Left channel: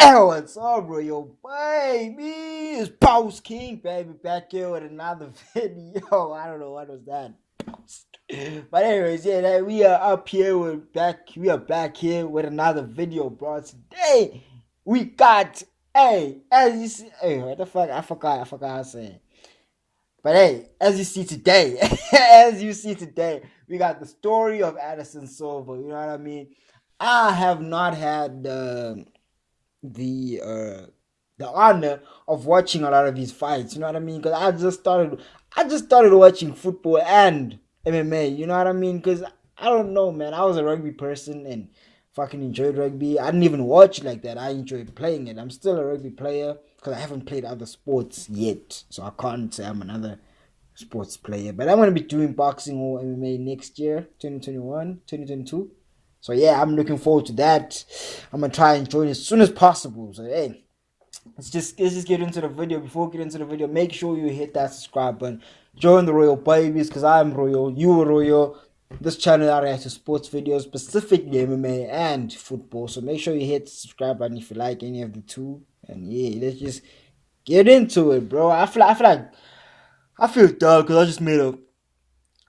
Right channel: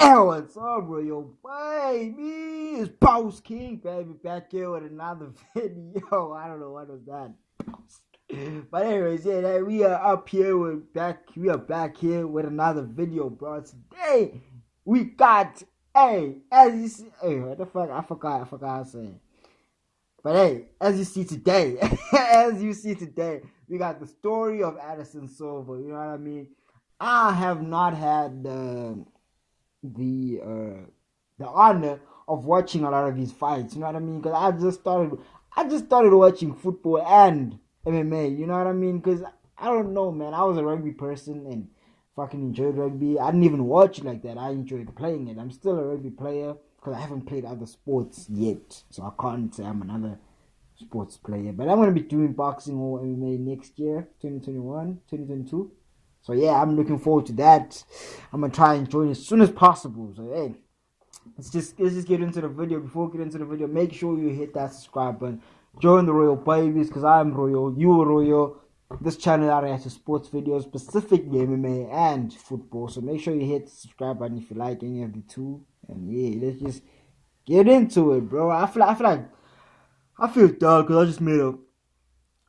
Hey, what's up, bro? Yo, baby, it's Post King, baby, back here with another video. I don't know what was that. But anyways, yeah, we are up here. We are back here with another video, bro. Today we got, hey, as you see, hey, what the fuck? I forgot how to say it. But hey, as you see today, we got the story of Anderson Silva. You know what I mean? I have not had the uh the honor of watching a lot of these fights. You know what I mean? Because I just started watching football and MMA. You know what I mean? Because I don't know, man. I was a rugby person and fucking enjoyed rugby. I didn't even watch it like that. I enjoyed playing it. I'm still a rugby player because I haven't played other sports yet, so I can't say I'm another sports player. But I'm gonna be doing boxing or MMA next year, 2021, 2022. So yeah, I'm looking forward to that. I'm gonna try and join as soon as possible. So hey, let's just get into the video. Before we get into the video, make sure you hit that subscribe button. Join the Royal Babies because I am Royal, you are Royal. This channel reacts to sports videos, specifically MMA and football. So make sure you hit the subscribe button if you like any of the two. And yeah, let's just get into it, bro. I feel dumb because I just made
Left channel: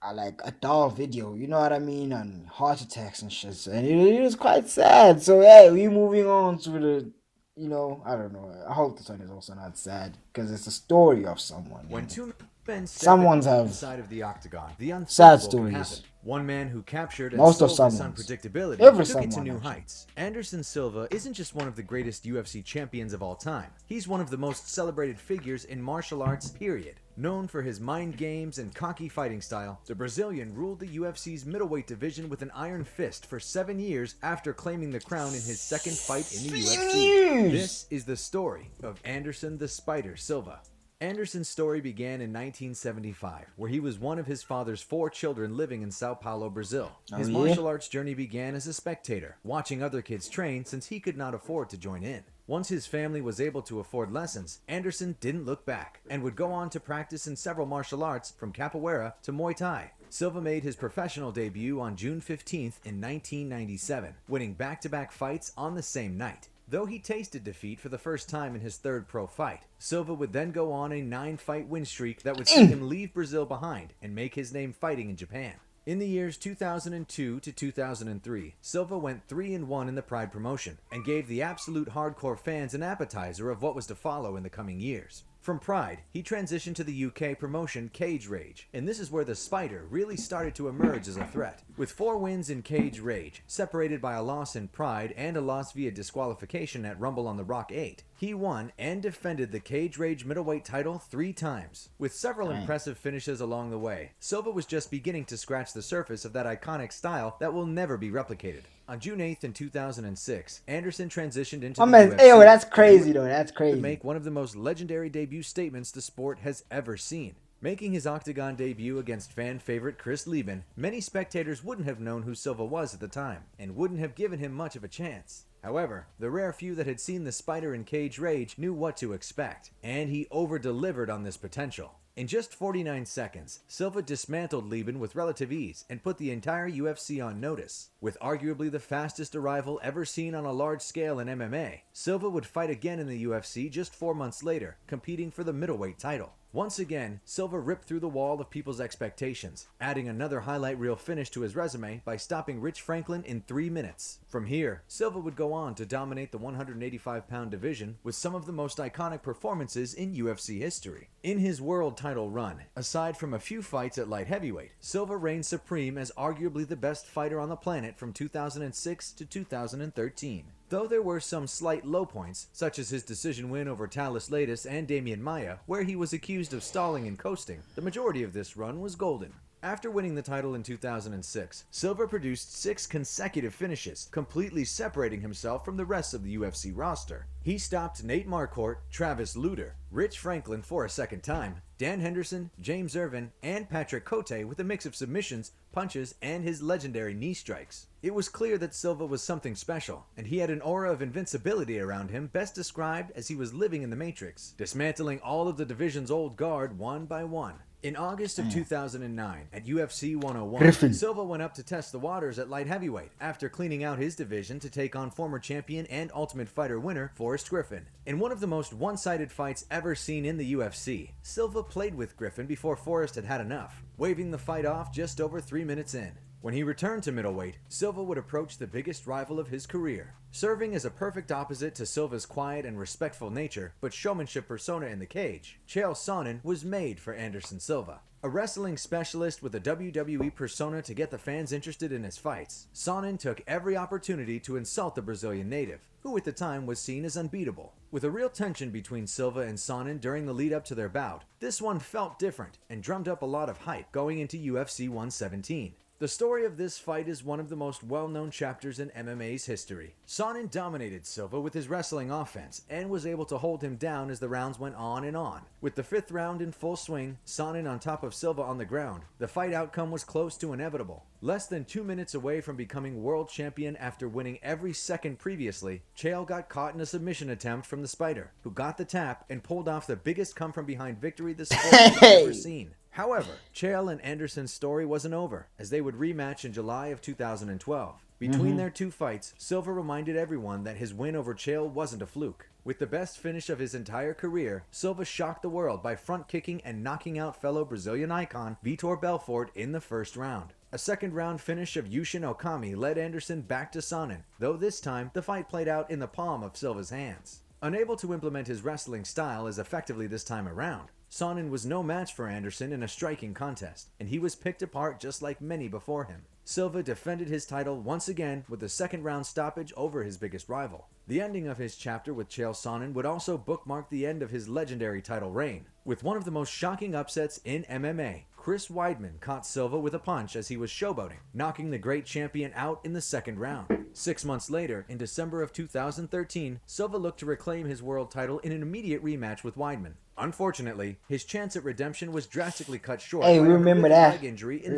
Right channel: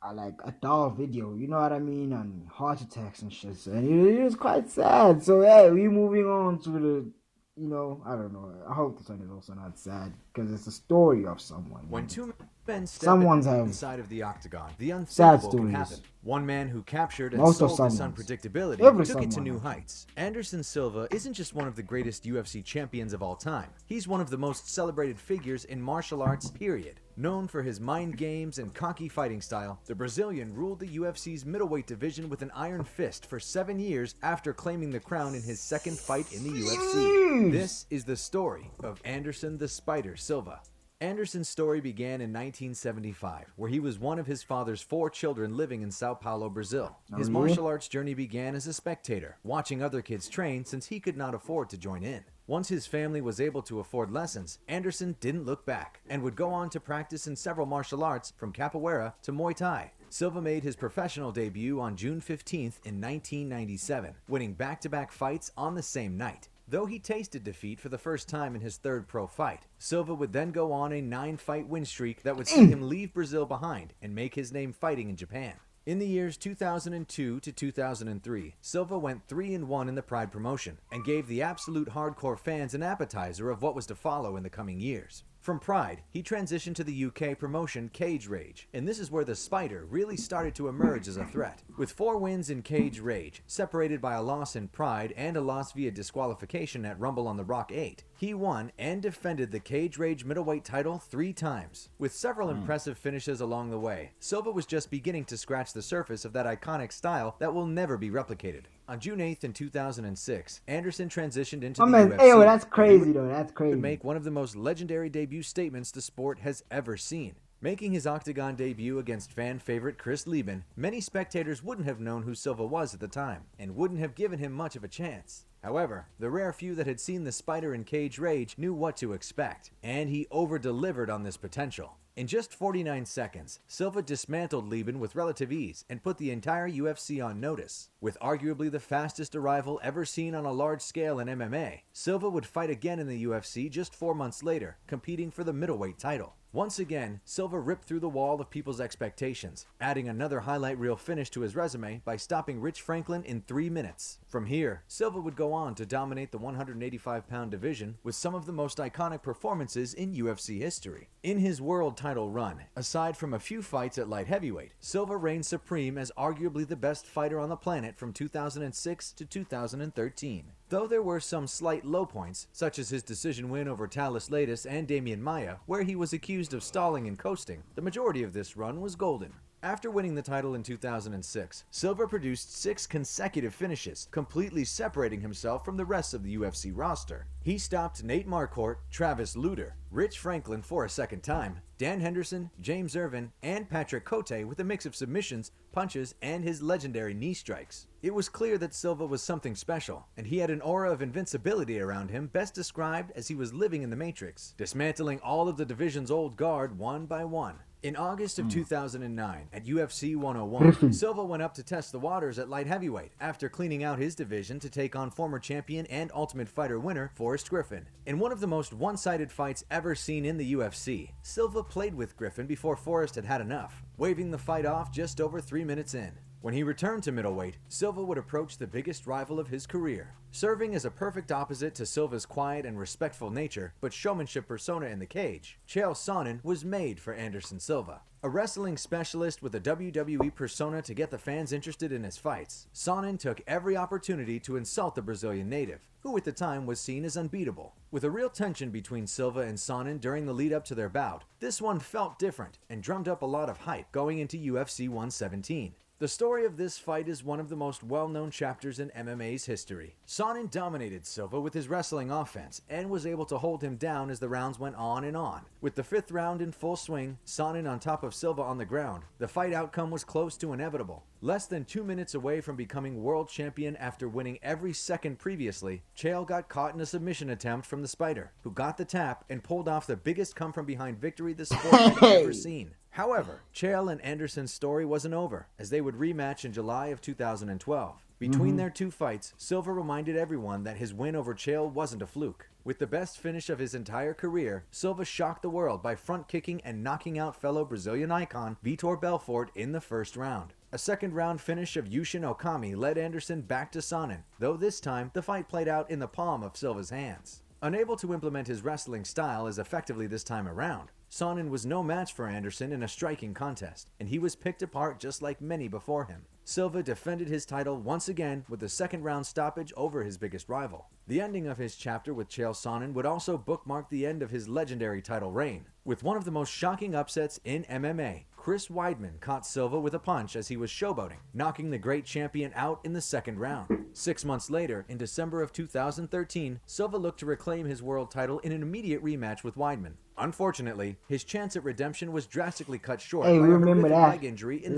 a dull video, you know what I mean, on heart attacks and shit. So, and it is quite sad. So hey, we moving on to the, I don't know. I hope this one is also not sad because it's a story of someone. When two men step Someone's have inside of the octagon, the sad unthinkable can happen. stories. One man who captured and Most of sold this someone's. unpredictability Every took it to someone, new actually. heights. Anderson Silva isn't just one of the greatest UFC champions of all time. He's one of the most celebrated figures in martial arts, period. Known for his mind games and cocky fighting style, the Brazilian ruled the UFC's middleweight division with an iron fist for 7 years after claiming the crown in his second fight in the UFC. This is the story of Anderson the Spider Silva. Anderson's story began in 1975, where he was one of his father's 4 children living in Sao Paulo, Brazil. His martial arts journey began as a spectator, watching other kids train since he could not afford to join in. Once his family was able to afford lessons, Anderson didn't look back and would go on to practice in several martial arts from capoeira to Muay Thai. Silva made his professional debut on June 15th in 1997, winning back-to-back fights on the same night. Though he tasted defeat for the first time in his third pro fight, Silva would then go on a 9-fight win streak that would see him leave Brazil behind and make his name fighting in Japan. In the years 2002 to 2003, Silva went 3-1 in the Pride promotion and gave the absolute hardcore fans an appetizer of what was to follow in the coming years. From Pride, he transitioned to the UK promotion Cage Rage, and this is where the Spider really started to emerge as a threat. With 4 wins in Cage Rage, separated by a loss in Pride and a loss via disqualification at Rumble on the Rock 8, he won and defended the Cage Rage middleweight title 3 times. With several impressive finishes along the way, Silva was just beginning to scratch the surface of that iconic style that will never be replicated. On June 8th in 2006, Anderson transitioned into the UFC. Hey, that's crazy though. That's crazy. To make one of the most legendary debut statements the sport has ever seen. Making his octagon debut against fan favorite Chris Lieben, many spectators wouldn't have known who Silva was at the time, and wouldn't have given him much of a chance. However, the rare few that had seen the Spider in Cage Rage knew what to expect, and he over-delivered on this potential. In just 49 seconds, Silva dismantled Lieben with relative ease and put the entire UFC on notice. With arguably the fastest arrival ever seen on a large scale in MMA, Silva would fight again in the UFC just 4 months later, competing for the middleweight title. Once again, Silva ripped through the wall of people's expectations, adding another highlight reel finish to his resume by stopping Rich Franklin in 3 minutes. From here, Silva would go on to dominate the 185-pound division with some of the most iconic performances in UFC history. In his world title run, aside from a few fights at light heavyweight, Silva reigned supreme as arguably the best fighter on the planet from 2006 to 2013. Though there were some slight low points, such as his decision win over Talis Latis and Damian Maia, where he was accused of stalling and coasting, the majority of this run was golden. After winning the title in 2006, Silva produced 6 consecutive finishes, completely separating himself from the rest of the UFC roster. He stopped Nate Marquardt, Travis Lutter, Rich Franklin for a second time, Dan Henderson, James Irvin, and Patrick Cote with a mix of submissions, punches, and his legendary knee strikes. It was clear that Silva was something special, and he had an aura of invincibility around him best described as he was living in the Matrix, dismantling all of the division's old guard one by one. In August of 2009, at UFC 101, Griffin. Silva went up to test the waters at light heavyweight after cleaning out his division to take on former champion and Ultimate Fighter winner Forrest Griffin. In one of the most one-sided fights ever seen in the UFC, Silva played with Griffin before Forrest had had enough, waving the fight off just over 3 minutes in. When he returned to middleweight, Silva would approach the biggest rival of his career. Serving as a perfect opposite to Silva's quiet and respectful nature, but showmanship persona in the cage, Chael Sonnen was made for Anderson Silva. A wrestling specialist with a WWE persona to get the fans interested in his fights, Sonnen took every opportunity to insult the Brazilian native, who at the time was seen as unbeatable. With a real tension between Silva and Sonnen during the lead up to their bout, this one felt different and drummed up a lot of hype going into UFC 117. The story of this fight is one of the most well-known chapters in MMA's history. Sonnen dominated Silva with his wrestling offense and was able to hold him down as the rounds went on and on. With the 5th round in full swing, Sonnen on top of Silva on the ground, the fight outcome was close to inevitable. Less than 2 minutes away from becoming world champion after winning every second previously, Chael got caught in a submission attempt from the Spider, who got the tap and pulled off the biggest come-from-behind victory the sport had ever seen. However, Chael and Anderson's story wasn't over, as they would rematch in July of 2012. Between their two fights, Silva reminded everyone that his win over Chael wasn't a fluke. With the best finish of his entire career, Silva shocked the world by front-kicking and knocking out fellow Brazilian icon Vitor Belfort in the first round. A second-round finish of Yushin Okami led Anderson back to Sonnen, though this time the fight played out in the palm of Silva's hands. Unable to implement his wrestling style as effectively this time around, Sonnen was no match for Anderson in a striking contest, and he was picked apart just like many before him. Silva defended his title once again with a second-round stoppage over his biggest rival. The ending of his chapter with Chael Sonnen would also bookmark the end of his legendary title reign. With one of the most shocking upsets in MMA, Chris Weidman caught Silva with a punch as he was showboating, knocking the great champion out in the second round. 6 months later, in December of 2013, Silva looked to reclaim his world title in an immediate rematch with Weidman. Unfortunately, his chance at redemption was drastically cut short by a horrific leg injury in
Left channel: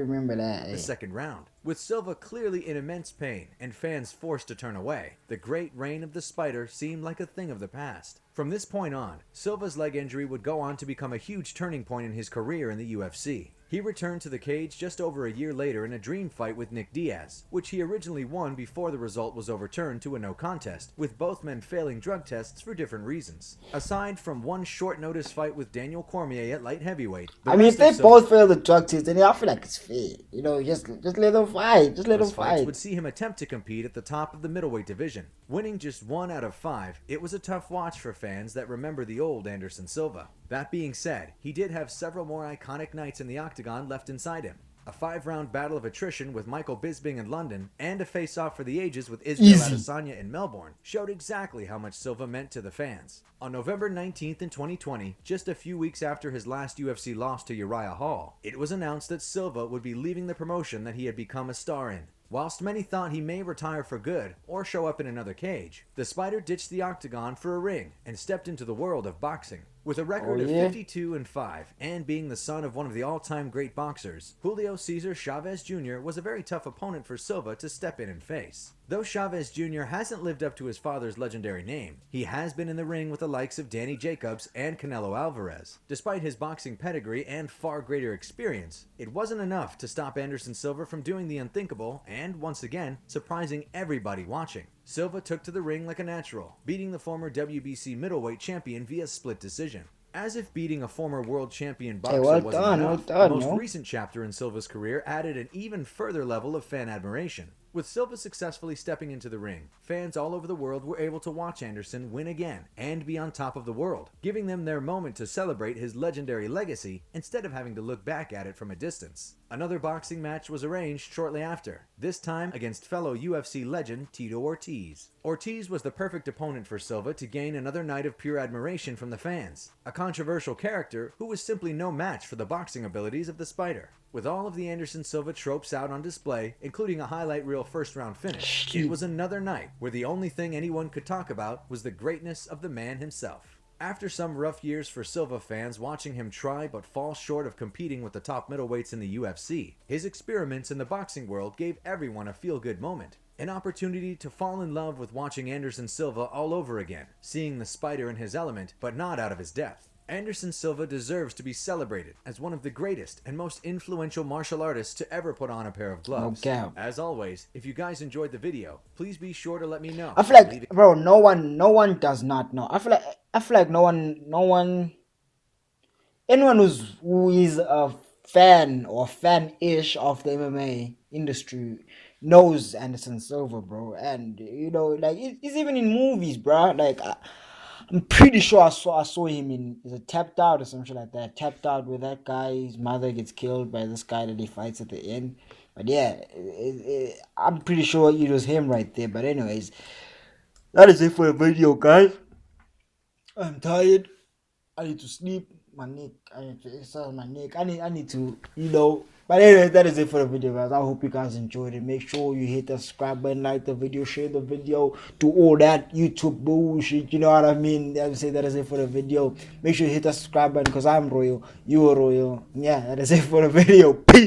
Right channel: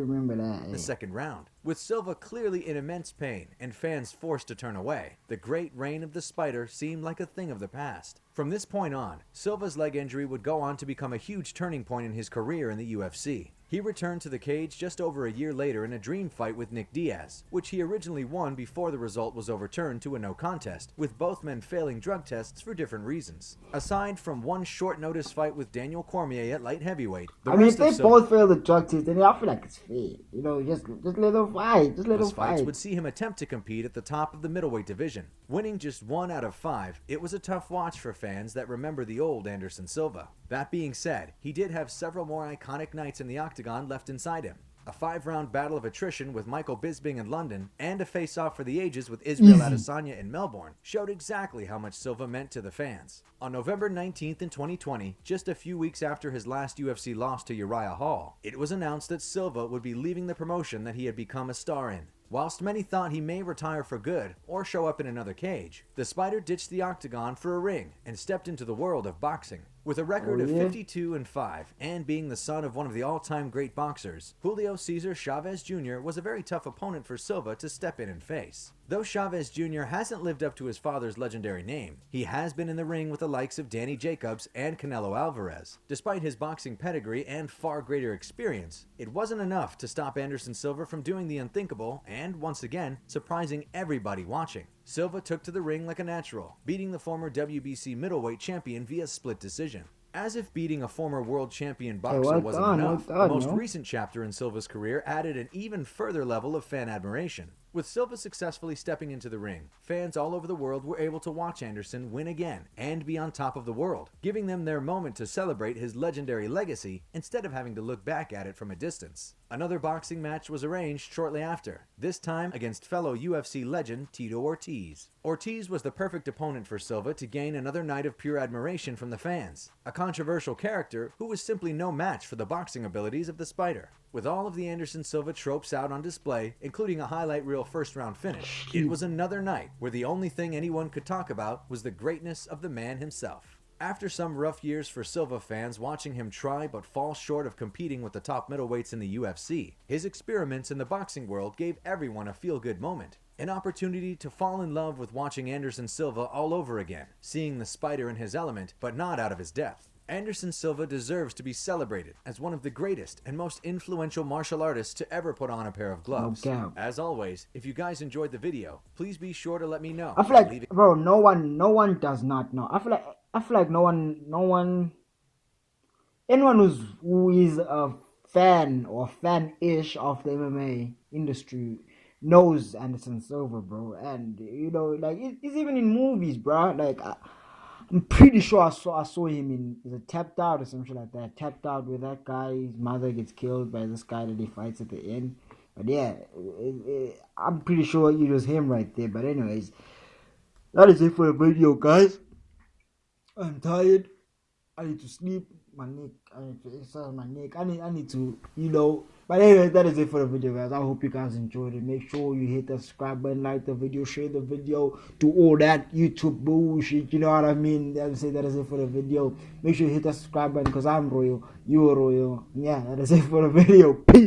the second round. With Silva clearly in immense pain and fans forced to turn away, the great reign of the Spider seemed like a thing of the past. From this point on, Silva's leg injury would go on to become a huge turning point in his career in the UFC. He returned to the cage just over a year later in a dream fight with Nick Diaz, which he originally won before the result was overturned to a no contest, with both men failing drug tests for different reasons. Aside from one short-notice fight with Daniel Cormier at light heavyweight, if they both fail the drug test, then I feel like it's fair. You know, just let them fight. Just let them fight. Fights would see him attempt to compete at the top of the middleweight division. Winning just 1 out of 5, it was a tough watch for fans that remember the old Anderson Silva. That being said, he did have several more iconic nights in the octagon left inside him. A 5-round battle of attrition with Michael Bisping in London, and a face-off for the ages with Israel Adesanya in Melbourne, showed exactly how much Silva meant to the fans. On November 19th in 2020, just a few weeks after his last UFC loss to Uriah Hall, it was announced that Silva would be leaving the promotion that he had become a star in. Whilst many thought he may retire for good or show up in another cage, the Spider ditched the octagon for a ring and stepped into the world of boxing. With a record of 52-5 and being the son of one of the all-time great boxers, Julio Cesar Chavez Jr. was a very tough opponent for Silva to step in and face. Though Chavez Jr. hasn't lived up to his father's legendary name, he has been in the ring with the likes of Danny Jacobs and Canelo Alvarez. Despite his boxing pedigree and far greater experience, it wasn't enough to stop Anderson Silva from doing the unthinkable and, once again, surprising everybody watching. Silva took to the ring like a natural, beating the former WBC middleweight champion via split decision. As if beating a former world champion boxer wasn't enough, the most recent chapter in Silva's career added an even further level of fan admiration. With Silva successfully stepping into the ring, fans all over the world were able to watch Anderson win again and be on top of the world, giving them their moment to celebrate his legendary legacy instead of having to look back at it from a distance. Another boxing match was arranged shortly after, this time against fellow UFC legend Tito Ortiz. Ortiz was the perfect opponent for Silva to gain another night of pure admiration from the fans, a controversial character who was simply no match for the boxing abilities of the Spider. With all of the Anderson Silva tropes out on display, including a highlight reel first-round finish, it was another night where the only thing anyone could talk about was the greatness of the man himself. After some rough years for Silva fans watching him try but fall short of competing with the top middleweights in the UFC, his experiments in the boxing world gave everyone a feel-good moment. An opportunity to fall in love with watching Anderson Silva all over again, seeing the Spider in his element, but not out of his depth. Anderson Silva deserves to be celebrated as one of the greatest and most influential martial artists to ever put on a pair of gloves. Okay. As always, if you guys enjoyed the video, please be sure to let me know. I feel like, bro, no one does not know. I feel like anyone who is a fan or fan-ish of the MMA industry knows Anderson Silva, bro. And you know, like it's even in movies, bro. Like I'm pretty sure I saw him in, is it Tapped Out or something like that? Tapped Out, where that guy's mother gets killed by this guy that he fights at the end. But yeah, I'm pretty sure it was him right there. But anyways, that is it for the video, guys. I'm tired. I need to sleep. My neck. I need to exercise my neck. I need to, you know. But anyway, that is it for the video, guys. I hope you guys enjoyed it. Make sure you hit the subscribe button, like the video, share the video, do all that YouTube bullshit. You know what I mean? I would say that is it for the video. Make sure you hit the subscribe button because I'm royal. You're royal. Yeah, that is it for the video. Peace.